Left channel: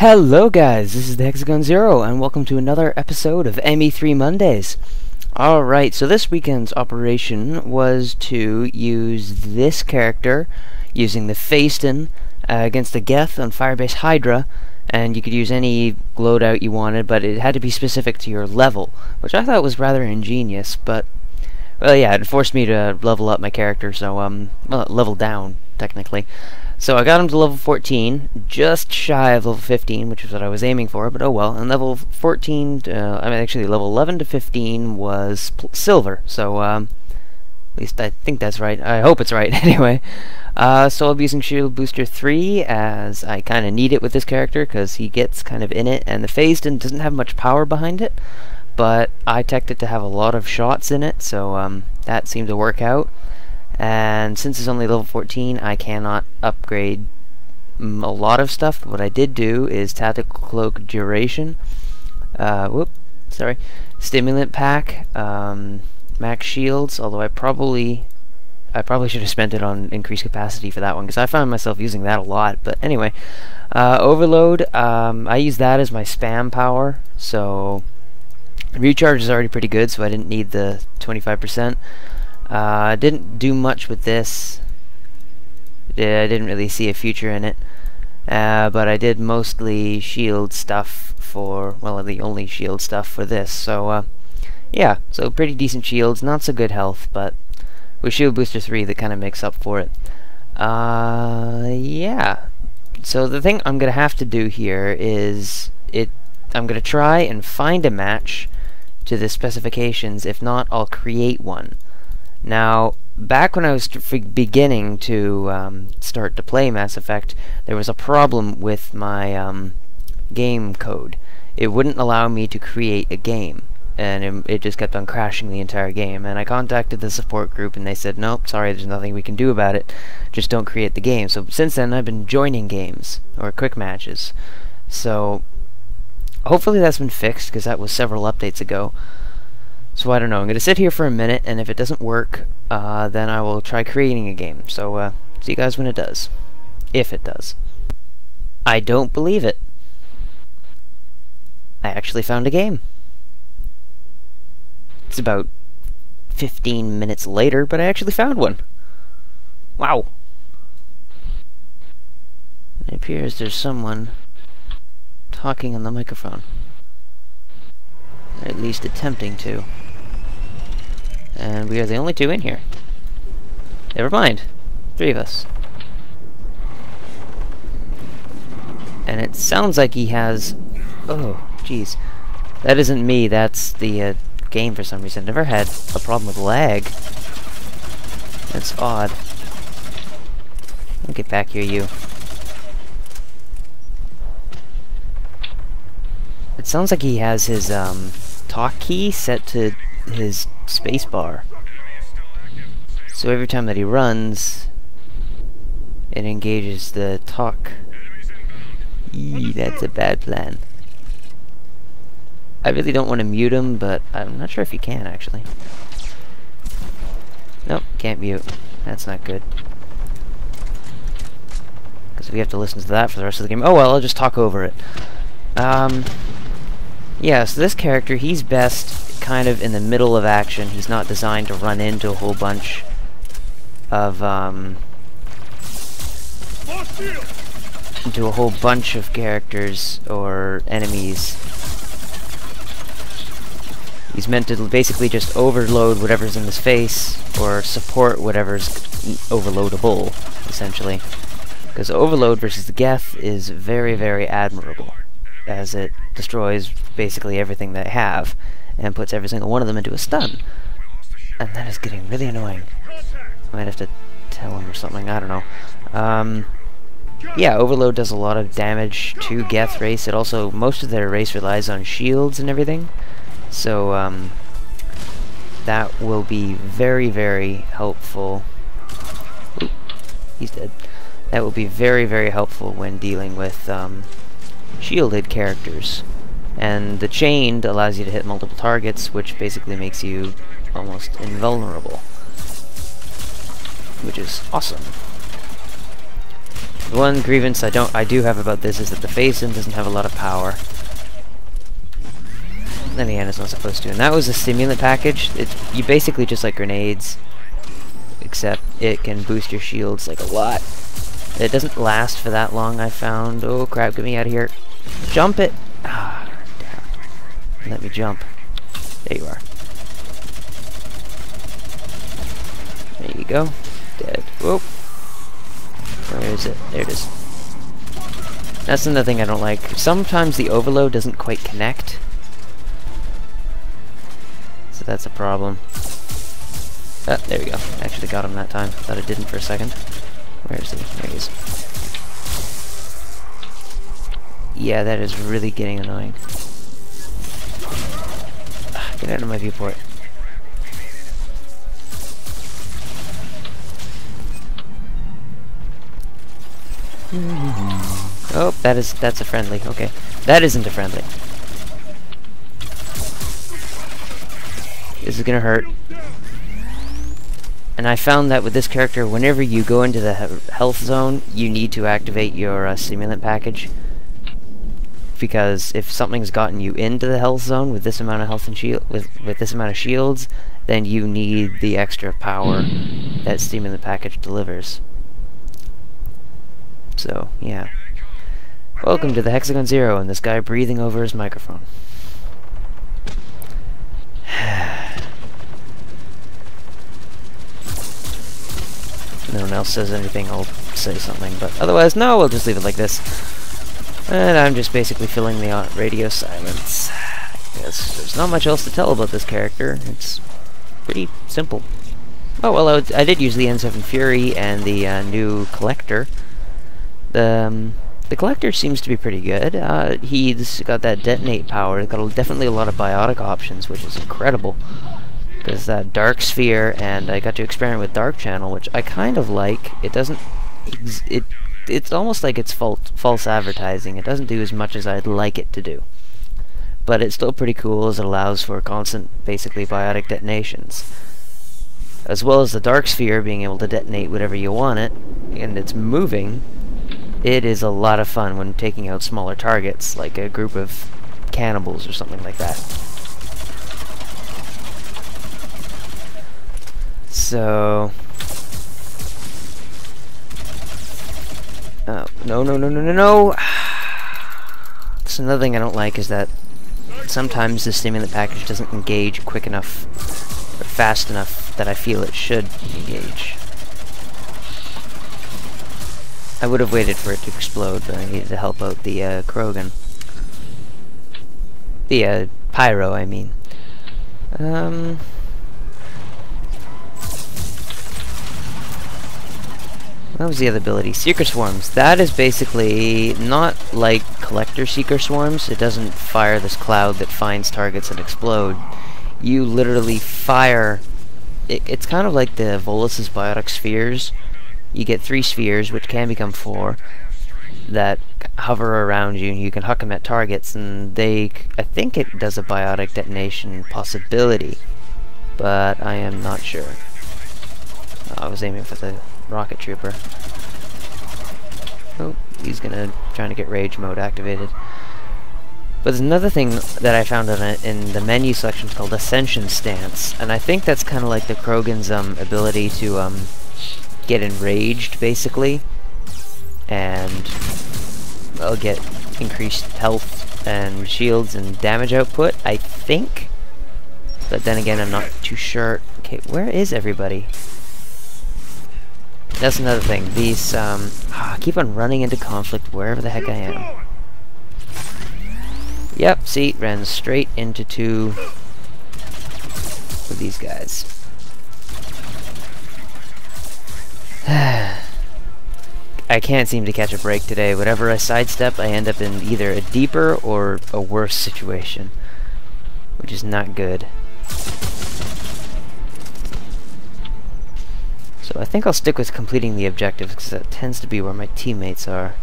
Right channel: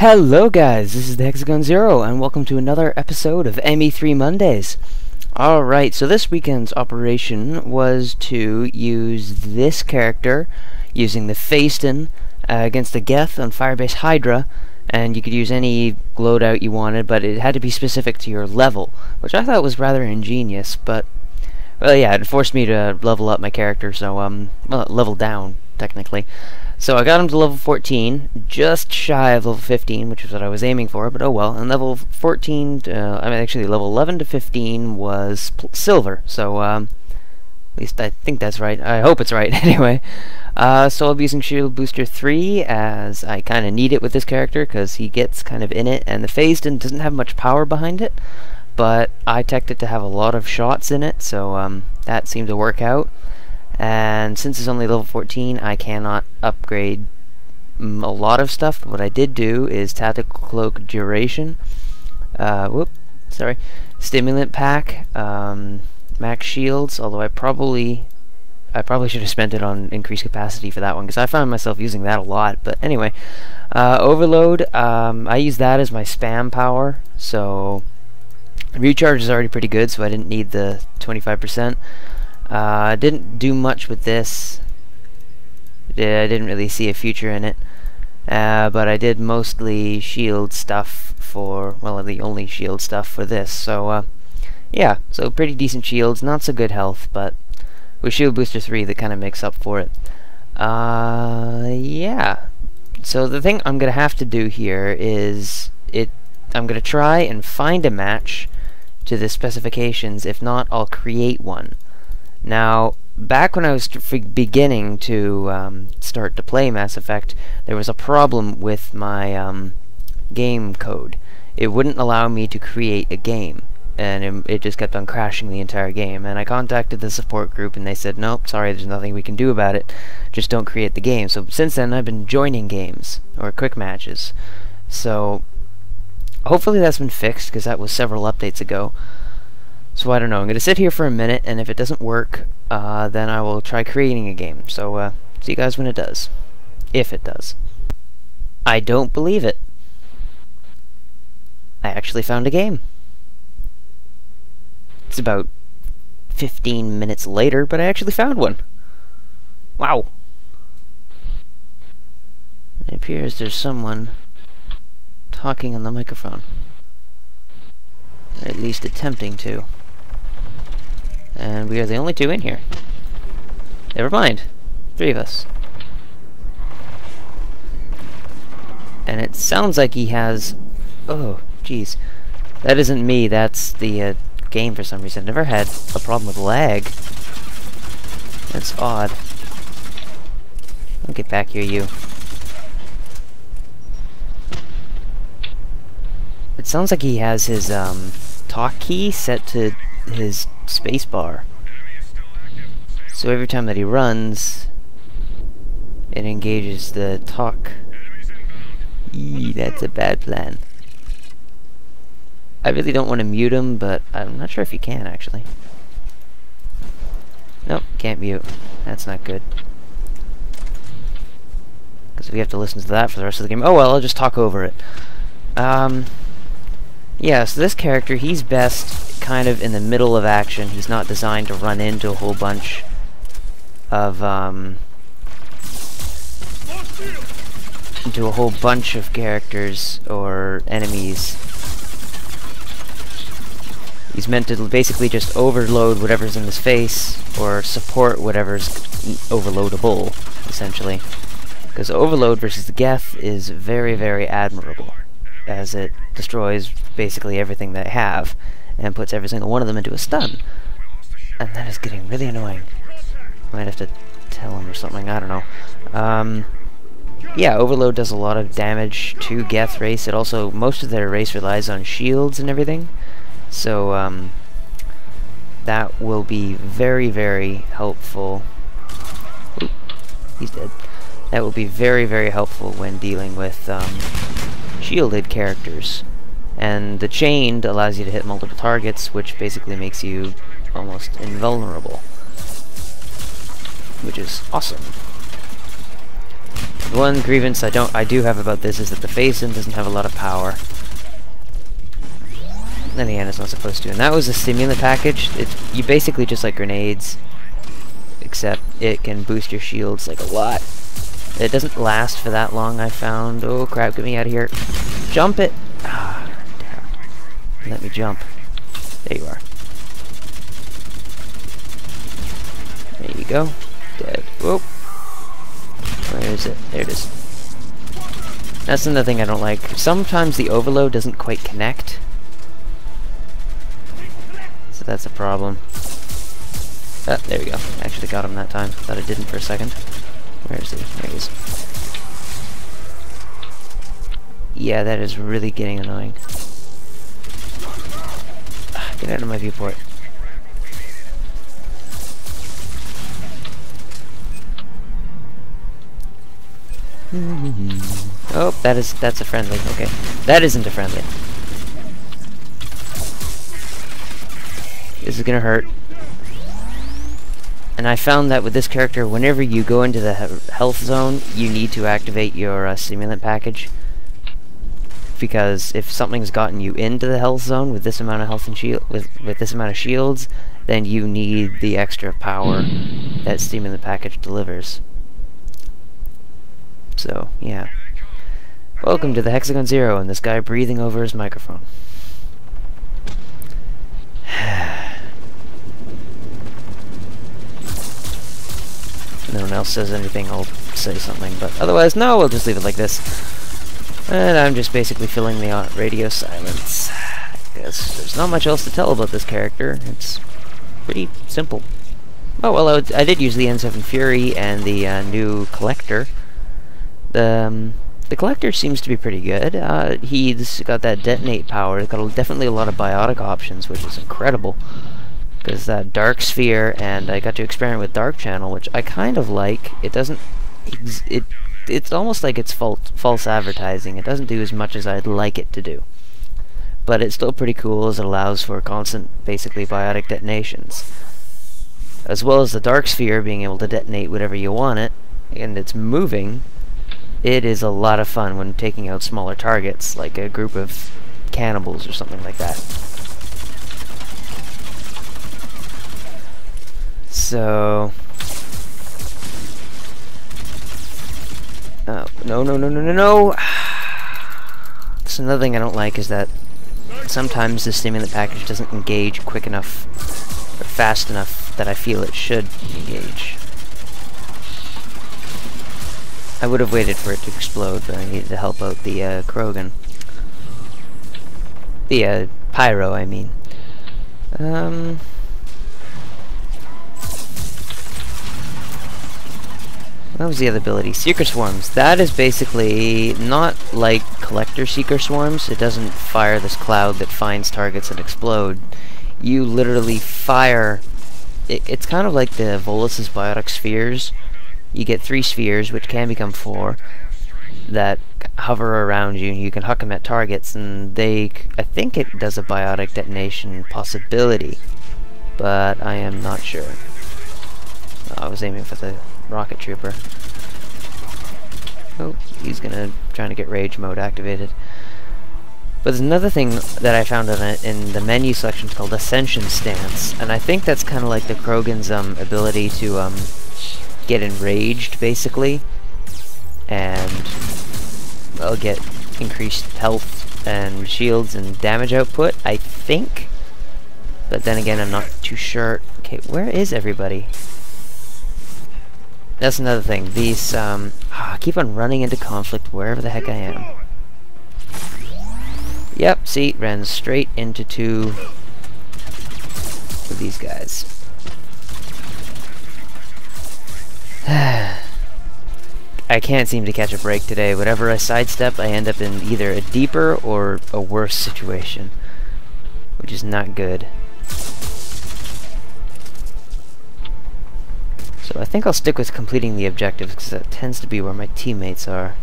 Hello guys, this is the Hexagon Zero, and welcome to another episode of ME3 Mondays. Alright, so this weekend's operation was to use this character, using the Phaeston, against the Geth on Firebase Hydra, and you could use any loadout you wanted, but it had to be specific to your level, which I thought was rather ingenious, but, well yeah, it forced me to level up my character, so, well, level down, technically. So I got him to level 14, just shy of level 15, which is what I was aiming for, but oh well. And level 14, actually level 11 to 15 was silver, so at least I think that's right. I hope it's right, anyway. So I'll be using Shield Booster 3, as I kind of need it with this character, because he gets kind of in it, and the Phaeston doesn't have much power behind it, but I teched it to have a lot of shots in it, so that seemed to work out. And since it's only level 14, I cannot upgrade a lot of stuff. What I did do is Tactical Cloak Duration, Stimulant Pack, Max Shields, although I probably should have spent it on increased capacity for that one, because I found myself using that a lot. But anyway, Overload, I use that as my spam power, so recharge is already pretty good, so I didn't need the 25%. I didn't do much with this. I didn't really see a future in it, but I did mostly shield stuff for, well, the only shield stuff for this, so yeah, so pretty decent shields, not so good health, but with Shield Booster 3 that kind of makes up for it. Yeah, so the thing I'm gonna have to do here is I'm gonna try and find a match to the specifications. If not, I'll create one. Now, back when I was beginning to start to play Mass Effect, there was a problem with my game code. It wouldn't allow me to create a game, and it just kept on crashing the entire game. And I contacted the support group, and they said, nope, sorry, there's nothing we can do about it. Just don't create the game. So since then, I've been joining games, or quick matches. So hopefully that's been fixed, because that was several updates ago. So I don't know, I'm going to sit here for a minute, and if it doesn't work, then I will try creating a game. So, see you guys when it does. If it does. I don't believe it. I actually found a game. It's about 15 minutes later, but I actually found one. Wow. It appears there's someone talking on the microphone. Or at least attempting to. And we are the only two in here. Never mind. 3 of us. And it sounds like he has... Oh, jeez. That isn't me, that's the game for some reason. Never had a problem with lag. That's odd. I'll get back here, you. It sounds like he has his talk key set to his spacebar. So every time that he runs, it engages the talk. Eee, that's a bad plan. I really don't want to mute him, but I'm not sure if you can, actually. Nope, can't mute. That's not good. Because we have to listen to that for the rest of the game. Oh well, I'll just talk over it. Yeah, so this character, he's best kind of in the middle of action. He's not designed to run into a whole bunch of, of characters or enemies. He's meant to basically just overload whatever's in his face, or support whatever's overloadable, essentially. Because overload versus the Geth is very, very admirable, as it destroys basically everything they have, and puts every single one of them into a stun. And that is getting really annoying. I might have to tell him or something, I don't know. Yeah, Overload does a lot of damage to Geth race. It also, most of their race relies on shields and everything. So, that will be very, very helpful. Oop, he's dead. That will be very, very helpful when dealing with, shielded characters. And the chained allows you to hit multiple targets, which basically makes you almost invulnerable. Which is awesome. The one grievance I do have about this is that the face-in doesn't have a lot of power. Then again, it's not supposed to. And that was a stimulant package. You basically just like grenades, except it can boost your shields like a lot. It doesn't last for that long, I found. Oh crap, get me out of here. Jump it! Ah, damn. Let me jump. There you are. There you go. Dead. Whoop. Where is it? There it is. That's another thing I don't like. Sometimes the overload doesn't quite connect. So that's a problem. Ah, there we go. Actually got him that time. Thought it didn't for a second. Where is he? There he is. Yeah, that is really getting annoying. Ah, get out of my viewport. Oh, that's a friendly. Okay. That isn't a friendly. This is gonna hurt. And I found that with this character, whenever you go into the health zone, you need to activate your stimulant package. Because if something's gotten you into the health zone with this amount of health and shield, with this amount of shields, then you need the extra power that stimulant package delivers. So, yeah. Welcome to the Hexagon Zero and this guy breathing over his microphone. If no one else says anything, I'll say something, but otherwise, no, we'll just leave it like this. And I'm just basically filling the radio silence. Yes, there's not much else to tell about this character. It's pretty simple. Oh, well, I did use the N7 Fury and the new Collector. The Collector seems to be pretty good. He's got that detonate power. He's got definitely a lot of biotic options, which is incredible. There's that Dark Sphere, and I got to experiment with Dark Channel, which I kind of like. It doesn't... It's almost like it's false advertising. It doesn't do as much as I'd like it to do. But it's still pretty cool, as it allows for constant, basically, biotic detonations. As well as the Dark Sphere being able to detonate whatever you want it, and it's moving. It is a lot of fun when taking out smaller targets, like a group of cannibals or something like that. So... Oh, no! So another thing I don't like is that sometimes the stimulant package doesn't engage quick enough, or fast enough that I feel it should engage. I would have waited for it to explode, but I needed to help out the Krogan. The Pyro, I mean. What was the other ability? Seeker Swarms. That is basically not like Collector Seeker Swarms. It doesn't fire this cloud that finds targets and explode. You literally fire... It's kind of like the Volus's Biotic Spheres. You get 3 spheres, which can become 4, that hover around you, and you can huck them at targets, and they... I think it does a biotic detonation possibility, but I am not sure. I was aiming for the rocket trooper. Oh, he's trying to get rage mode activated. But there's another thing that I found in the menu selection called Ascension Stance, and I think that's kind of like the Krogan's ability to get enraged, basically, and well, get increased health and shields and damage output, I think. But then again, I'm not too sure. Okay, where is everybody? That's another thing. These, I keep on running into conflict wherever the heck I am. Yep, see, ran straight into 2 of these guys. I can't seem to catch a break today. Whatever I sidestep, I end up in either a deeper or a worse situation, which is not good. So I think I'll stick with completing the objectives, because that tends to be where my teammates are.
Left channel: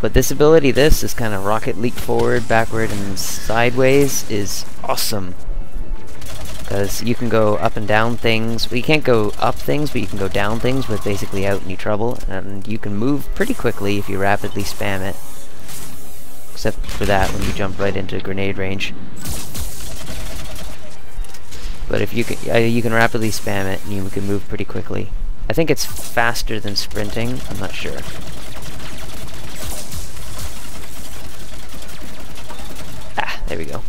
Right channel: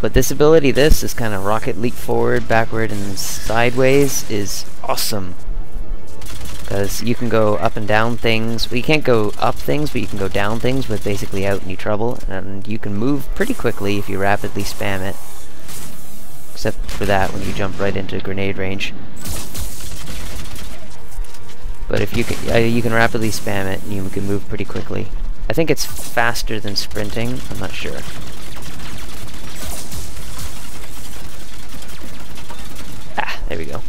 But this ability, this kind of rocket leap forward, backward, and sideways, is awesome. because you can go up and down things. Well, you can't go up things, but you can go down things with basically out any trouble, and you can move pretty quickly if you rapidly spam it. Except for that when you jump right into grenade range. But if you can rapidly spam it, and you can move pretty quickly. I think it's faster than sprinting. I'm not sure. Ah, there we go.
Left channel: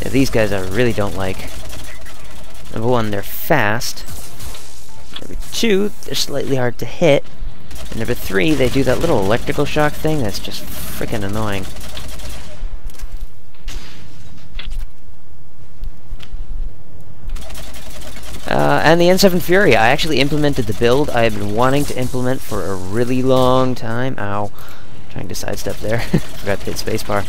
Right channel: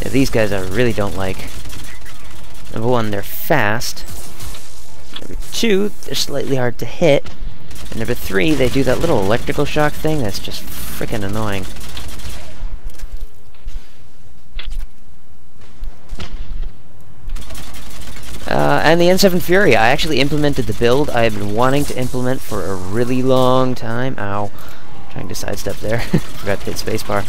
Yeah, these guys I really don't like. Number one, they're fast. Number two, they're slightly hard to hit. And number three, they do that little electrical shock thing that's just freaking annoying. And the N7 Fury, I actually implemented the build I have been wanting to implement for a really long time. Ow. Trying to sidestep there. Forgot to hit spacebar.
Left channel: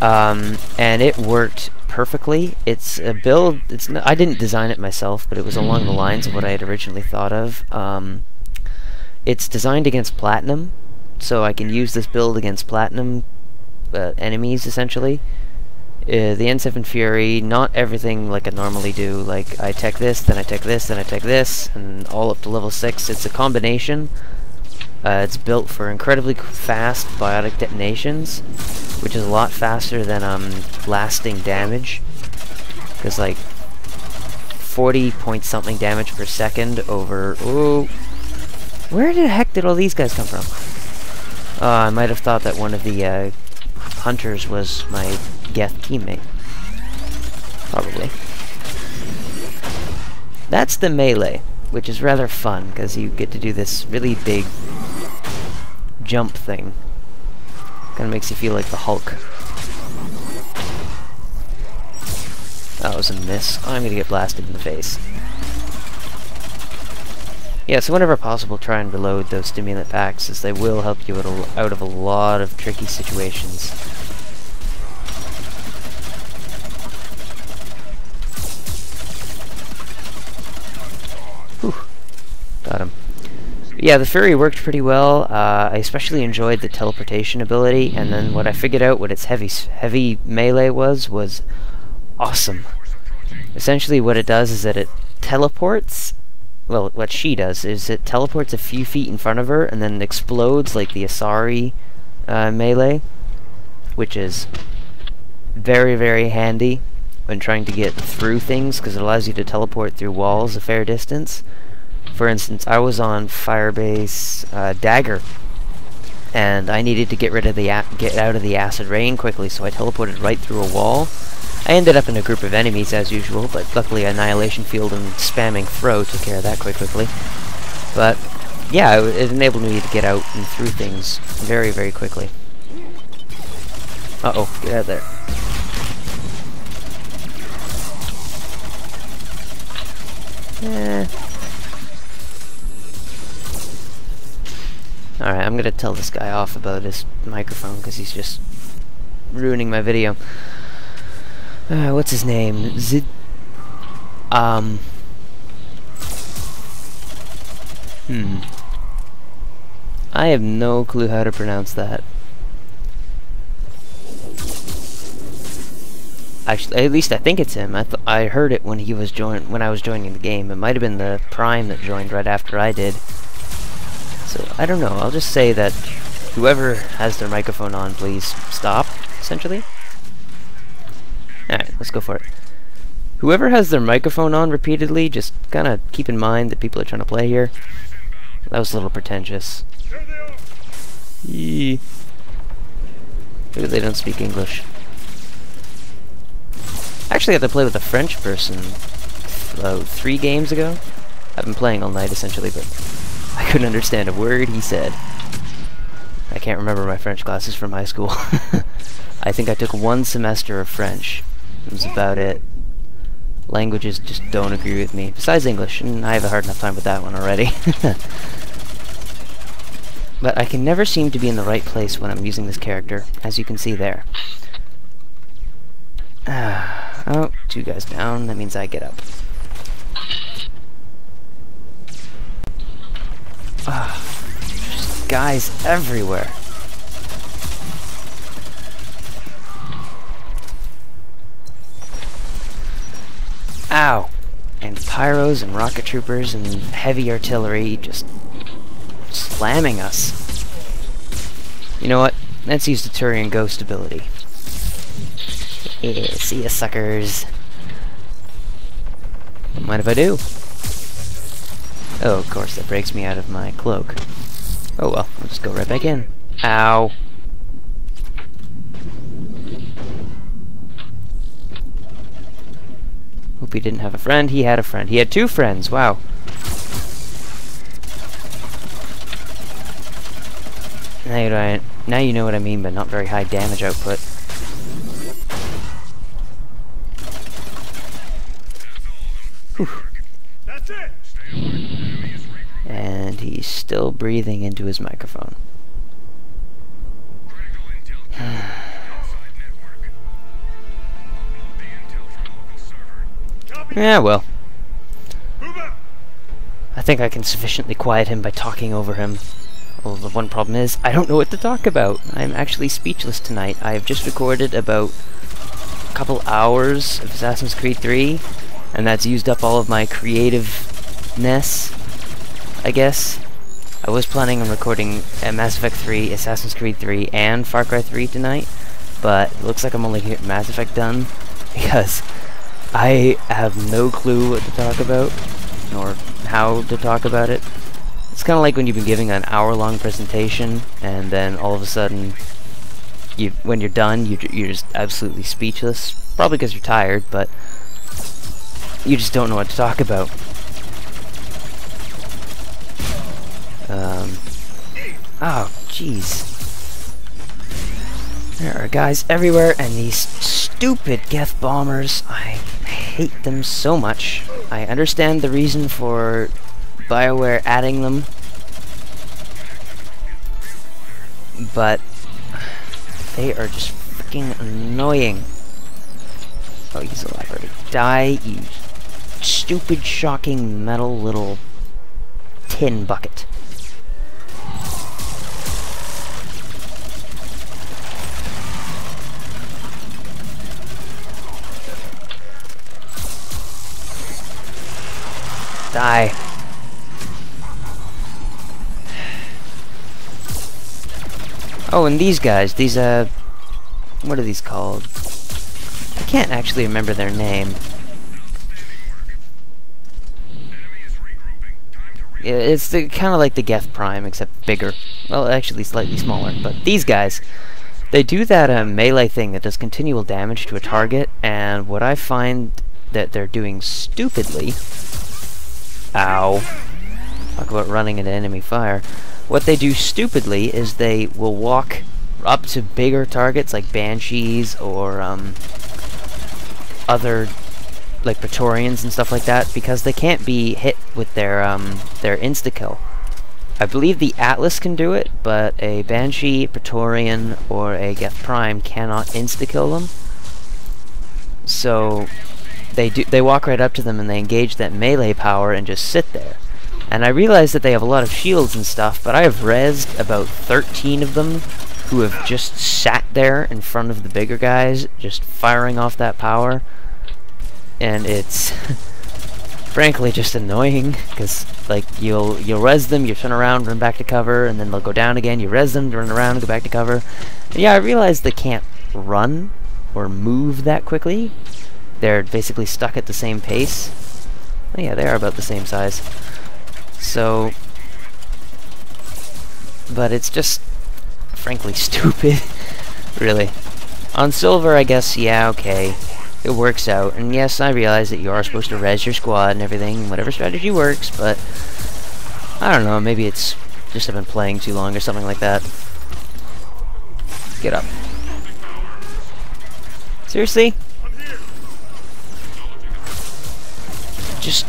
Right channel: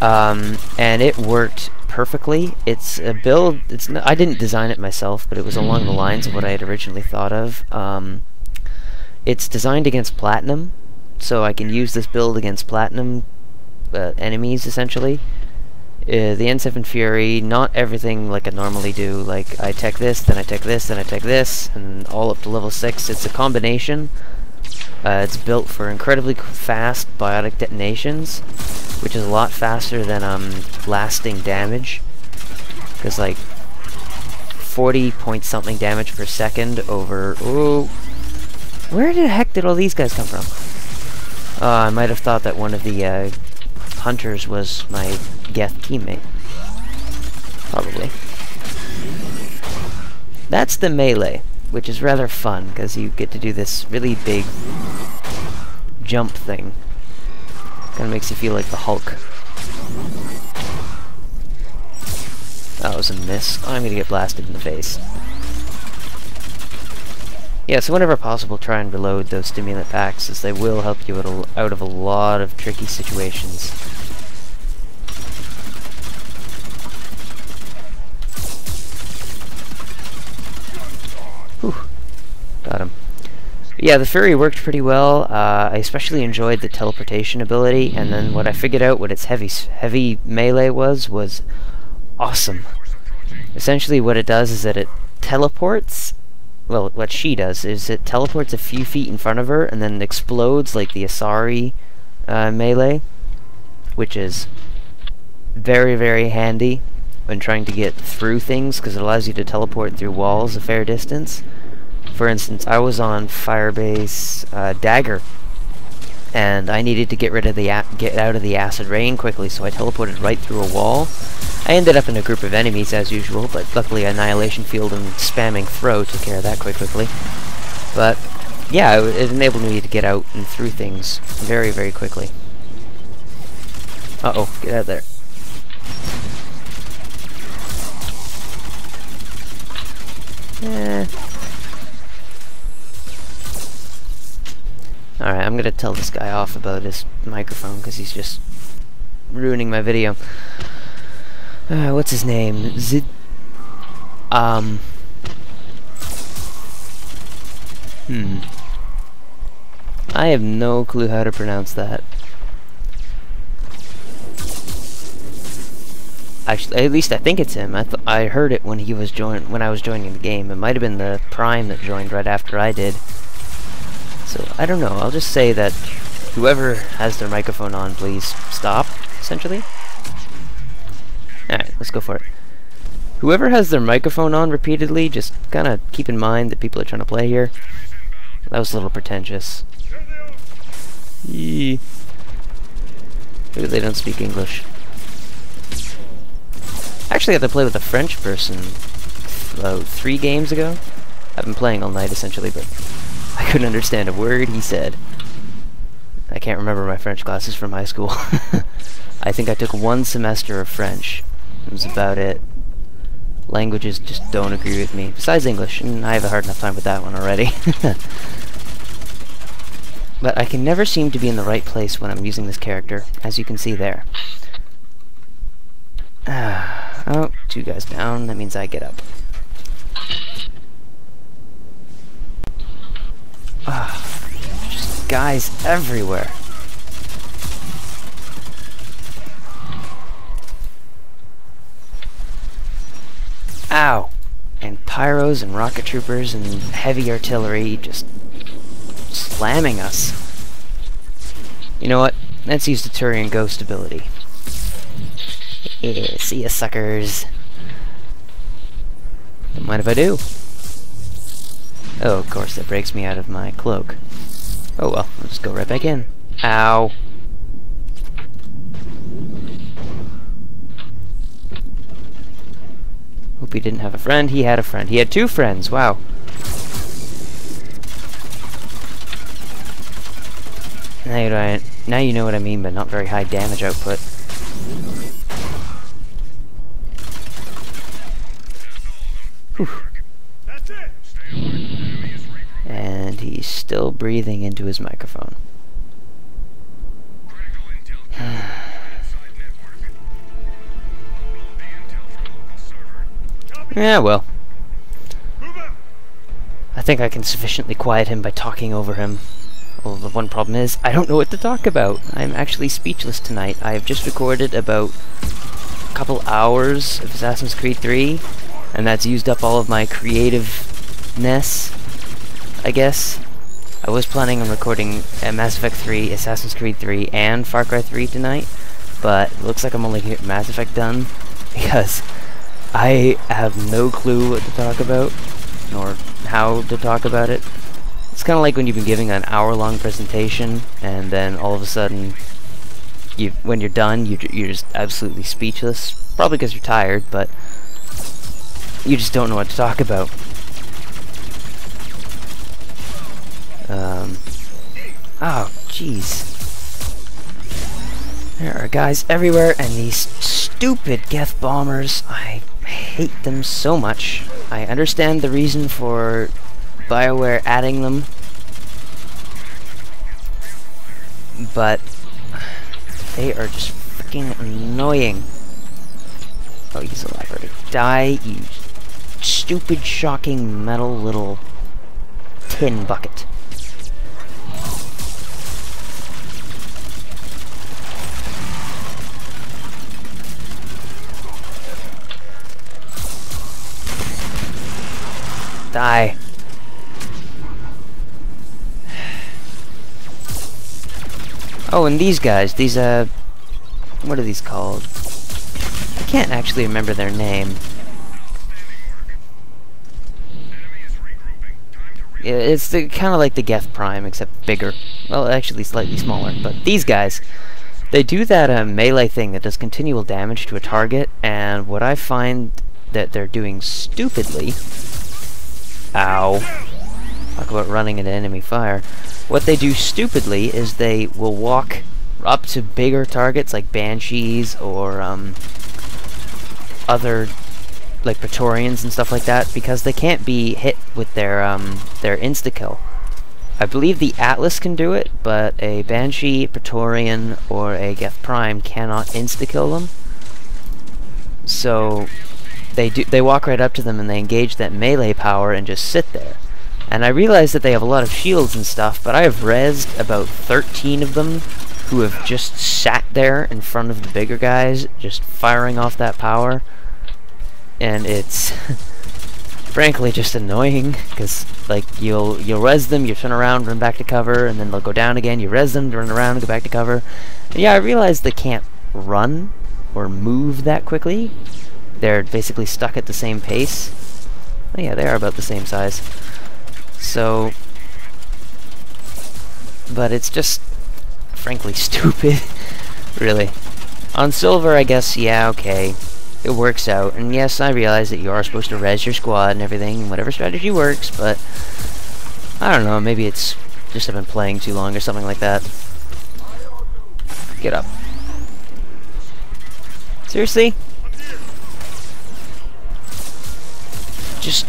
And it worked perfectly. It's a build, I didn't design it myself, but it was along the lines of what I had originally thought of. It's designed against platinum, so I can use this build against platinum enemies, essentially. The N7 Fury, not everything like I normally do, like I tech this, then I tech this, then I tech this, and all up to level 6. It's a combination. It's built for incredibly fast biotic detonations, which is a lot faster than lasting damage, because like 40 point something damage per second over... Ooh, where the heck did all these guys come from? I might have thought that one of the hunters was my Geth teammate. Probably. That's the melee, which is rather fun, because you get to do this really big jump thing. Kind of makes you feel like the Hulk. That was a miss. I'm gonna get blasted in the face. Yeah, so whenever possible, try and reload those stimulant packs, as they will help you out of a lot of tricky situations. Whew. Got him. Yeah, the Fury worked pretty well. I especially enjoyed the teleportation ability, and then what I figured out what its heavy melee was awesome. Essentially what it does is that it teleports. Well, what she does is it teleports a few feet in front of her and then explodes like the Asari melee, which is very, very handy when trying to get through things, because it allows you to teleport through walls a fair distance. For instance, I was on Firebase Dagger, and I needed to get out of the acid rain quickly, so I teleported right through a wall. I ended up in a group of enemies as usual, but luckily Annihilation Field and spamming throw took care of that quite quickly. But yeah, it enabled me to get out and through things very, very quickly. Uh-oh, get out of there. Alright, I'm gonna tell this guy off about his microphone, because he's just ruining my video. What's his name? I have no clue how to pronounce that. Actually, at least I think it's him. I heard it when I was joining the game. It might have been the Prime that joined right after I did. So I don't know. I'll just say that whoever has their microphone on, please stop. Essentially. Alright, let's go for it. Whoever has their microphone on repeatedly, just kind of keep in mind that people are trying to play here. That was a little pretentious. Maybe they don't speak English. I actually had to play with a French person 3 games ago. I've been playing all night essentially, but I couldn't understand a word he said. I can't remember my French classes from high school. I think I took 1 semester of French. That was about it. Languages just don't agree with me. Besides English, and I have a hard enough time with that one already. But I can never seem to be in the right place when I'm using this character, as you can see there. Oh, 2 guys down. That means I get up. There's guys everywhere. Ow! And pyros and rocket troopers and heavy artillery just slamming us. You know what? Let's use the Turian Ghost ability. Yeah, see ya, suckers. Don't mind if I do. Oh, of course, that breaks me out of my cloak. Oh well, I'll just go right back in. Ow. Hope he didn't have a friend. He had a friend. He had two friends. Wow. Now you know what I mean by not very high damage output. Whew. That's it. And he's still breathing into his microphone. Yeah, well. I think I can sufficiently quiet him by talking over him. Well, the one problem is, I don't know what to talk about. I'm actually speechless tonight. I have just recorded about a couple hours of Assassin's Creed 3, and that's used up all of my creativeness, I guess. I was planning on recording Mass Effect 3, Assassin's Creed 3, and Far Cry 3 tonight, but it looks like I'm only getting Mass Effect done, because I have no clue what to talk about, nor how to talk about it. It's kind of like when you've been giving an hour-long presentation, and then all of a sudden, when you're done, you're just absolutely speechless. Probably because you're tired, but you just don't know what to talk about. Oh, jeez. There are guys everywhere, and these stupid Geth bombers, I hate them so much. I understand the reason for BioWare adding them, but they are just freaking annoying. Oh, he's a leopard. Die, you stupid, shocking, metal little tin bucket. Die. Oh, and these guys, these, what are these called? I can't actually remember their name. Yeah, it's kind of like the Geth Prime, except bigger. Well, actually slightly smaller, but these guys, they do that melee thing that does continual damage to a target, and what I find that they're doing stupidly... Ow. Talk about running into enemy fire. What they do stupidly is they will walk up to bigger targets like banshees or other like Praetorians and stuff like that, because they can't be hit with their insta-kill. I believe the Atlas can do it, but a Banshee, Praetorian, or a Geth Prime cannot insta-kill them. So they walk right up to them and they engage that melee power and just sit there. And I realize that they have a lot of shields and stuff, but I have rezzed about 13 of them who have just sat there in front of the bigger guys, just firing off that power. And it's frankly just annoying, because like you'll res them, you turn around, run back to cover, and then they'll go down again, you res them, run around, and go back to cover. And yeah, I realize they can't run or move that quickly. They're basically stuck at the same pace. Oh yeah, they are about the same size. So, but it's just frankly stupid, really. On silver, I guess, yeah, okay, it works out. And yes, I realize that you are supposed to res your squad and everything, whatever strategy works, but I don't know, maybe it's just I've been playing too long or something like that. Get up. Seriously? Just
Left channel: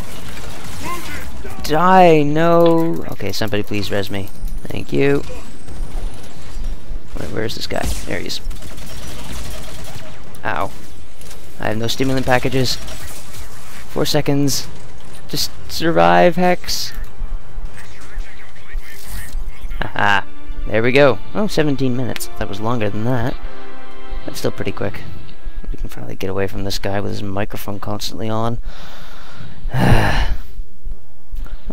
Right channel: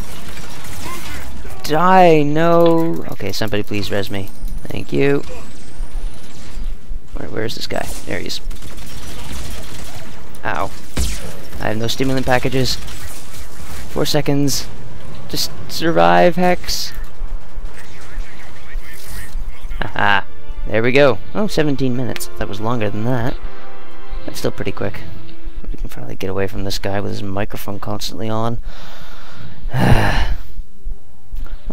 die, no. Okay, somebody please res me. Thank you. Where's this guy? There he is. Ow. I have no stimulant packages. 4 seconds. Just survive, Hex. Haha. There we go. Oh, 17 minutes. That was longer than that. That's still pretty quick. We can finally get away from this guy with his microphone constantly on.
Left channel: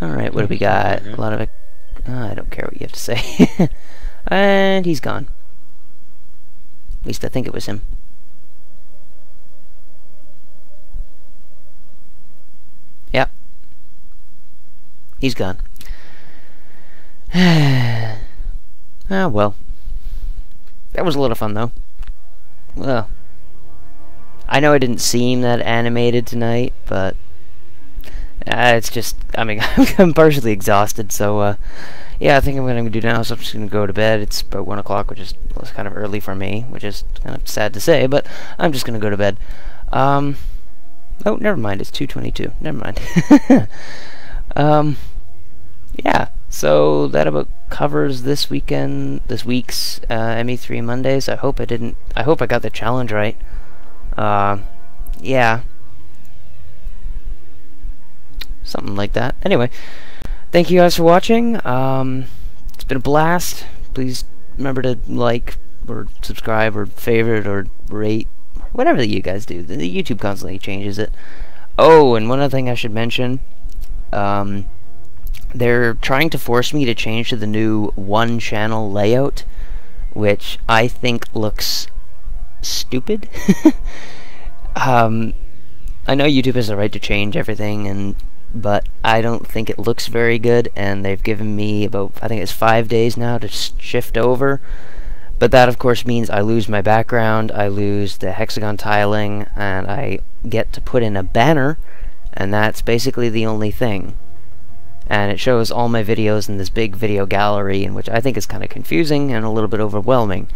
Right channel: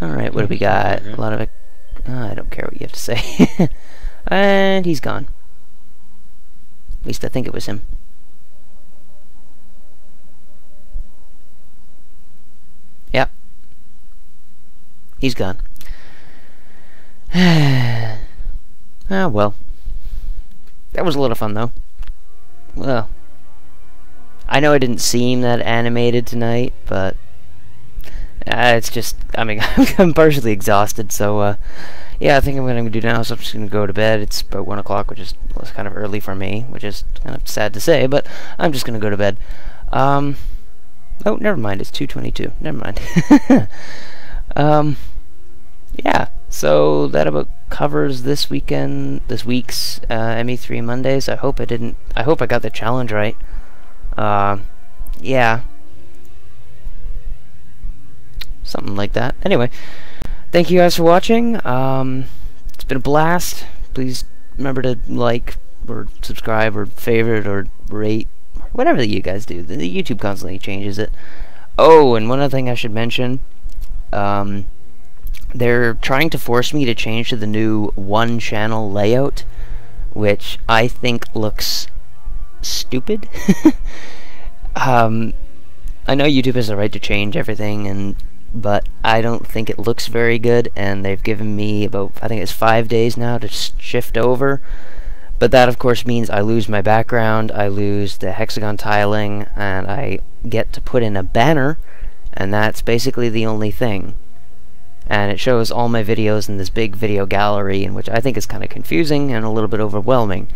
Alright, what do we got? A lot of it. I don't care what you have to say. And he's gone. At least I think it was him. Yep. He's gone. Ah, well. That was a lot of fun, though. Well, I know I didn't seem that animated tonight, but it's just, I mean, I'm partially exhausted, so, yeah, I think I'm going to do now, so I'm just going to go to bed. It's about 1 o'clock, which is kind of early for me, which is kind of sad to say, but I'm just going to go to bed. Oh, never mind, it's 2:22. Never mind. Yeah, so that about covers this week's ME3 Mondays. I hope I got the challenge right. Yeah. Something like that. Anyway, thank you guys for watching. It's been a blast. Please remember to like, or subscribe, or favorite, or rate, whatever that you guys do. The YouTube constantly changes it. Oh, and one other thing I should mention. They're trying to force me to change to the new one-channel layout, which I think looks stupid. I know YouTube has the right to change everything, but I don't think it looks very good, and they've given me about, I think it's 5 days now to shift over. But that, of course, means I lose my background, I lose the hexagon tiling, and I get to put in a banner, and that's basically the only thing. And it shows all my videos in this big video gallery, in which I think is kind of confusing and a little bit overwhelming.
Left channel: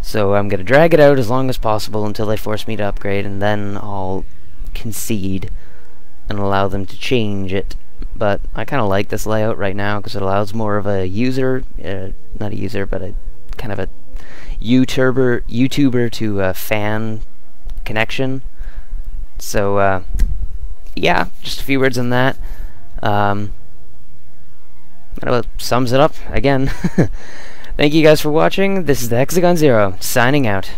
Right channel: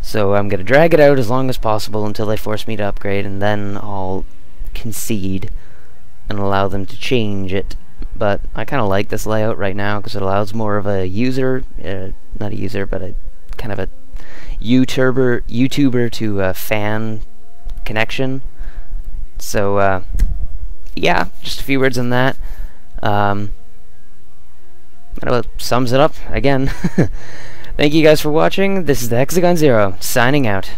So I'm going to drag it out as long as possible until they force me to upgrade, and then I'll concede and allow them to change it. But I kind of like this layout right now because it allows more of a user, not a user, but a kind of a YouTuber to fan connection. So yeah, just a few words on that. That about sums it up again. Thank you guys for watching. This is the Hexagon Zero, signing out.